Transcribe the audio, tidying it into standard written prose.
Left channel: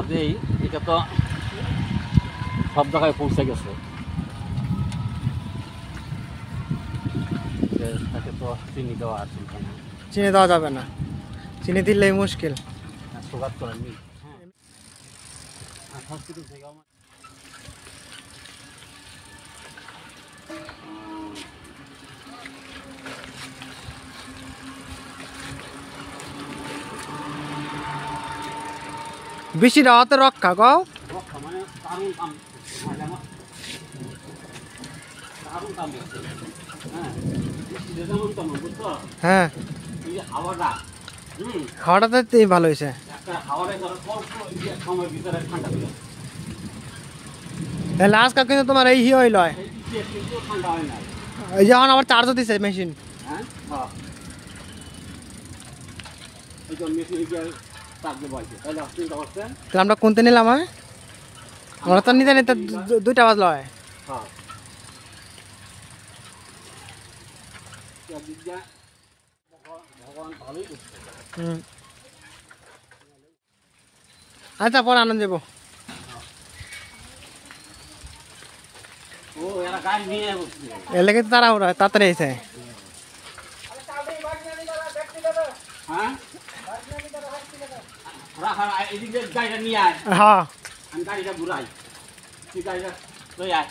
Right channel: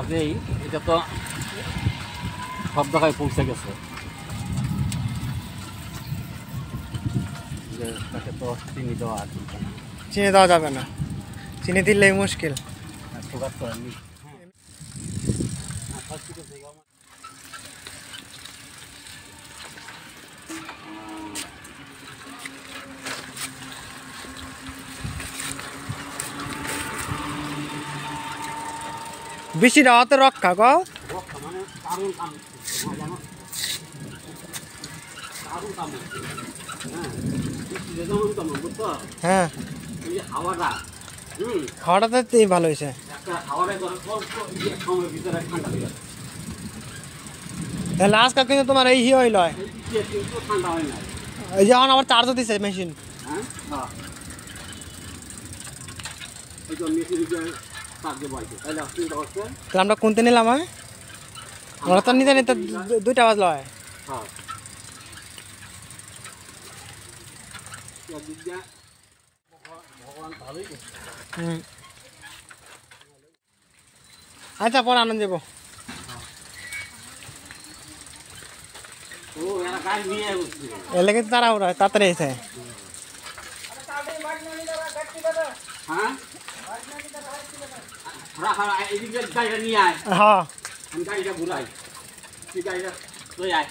কাজেই এটা তো সব জায়গায় পৌঁছে গেছে। তাকে তো চিনি দেওয়া আর চিনি দেওয়া যাবে না, চিনি দিলেই মুশকিল। সুগার করেননি হসপিটাল থেকে বেশি রাতে রক্ষা কও মানে দারুণ কাম জানো, দারুণ কাম হচ্ছে। হ্যাঁ যেমন তেমন বুঝছো। হ্যাঁ এই যে হাওয়াটা খাওয়াটা তো ভালো হয়েছে। একটা হাওয়াটা ধরো অল্প সময়ের ভিতরে ঠান্ডা হয়ে যাবে। তাহলে আজকাল কিন্তু তোমার এই হইল কিন্তু ঠান্ডা হয় না। এই যে এখন আবার চার্জও দিছে মেশিন। হ্যাঁ এই যে মেশিন চার্জে বলছে তাহলে চিন্তা করছেন। তাহলে আমরা কোনতে নিলাম? আমরা তো নিতে নিতে 2টা বাজলো হয়। হ্যাঁ ভগবান ভালোই করছে। আচ্ছা পরে আনন্দ দেবো। ও এরা গাড়ি নিয়ে বসছে, এর লেগে তারা ওরা তাড়াতাড়ি এসে। হ্যাঁ রাখা এদিকে গাড়িটা নিয়ে আয়, হ্যাঁ আমি গাড়িটা ঘুরাই, তুই গাড়িটা লই আয়।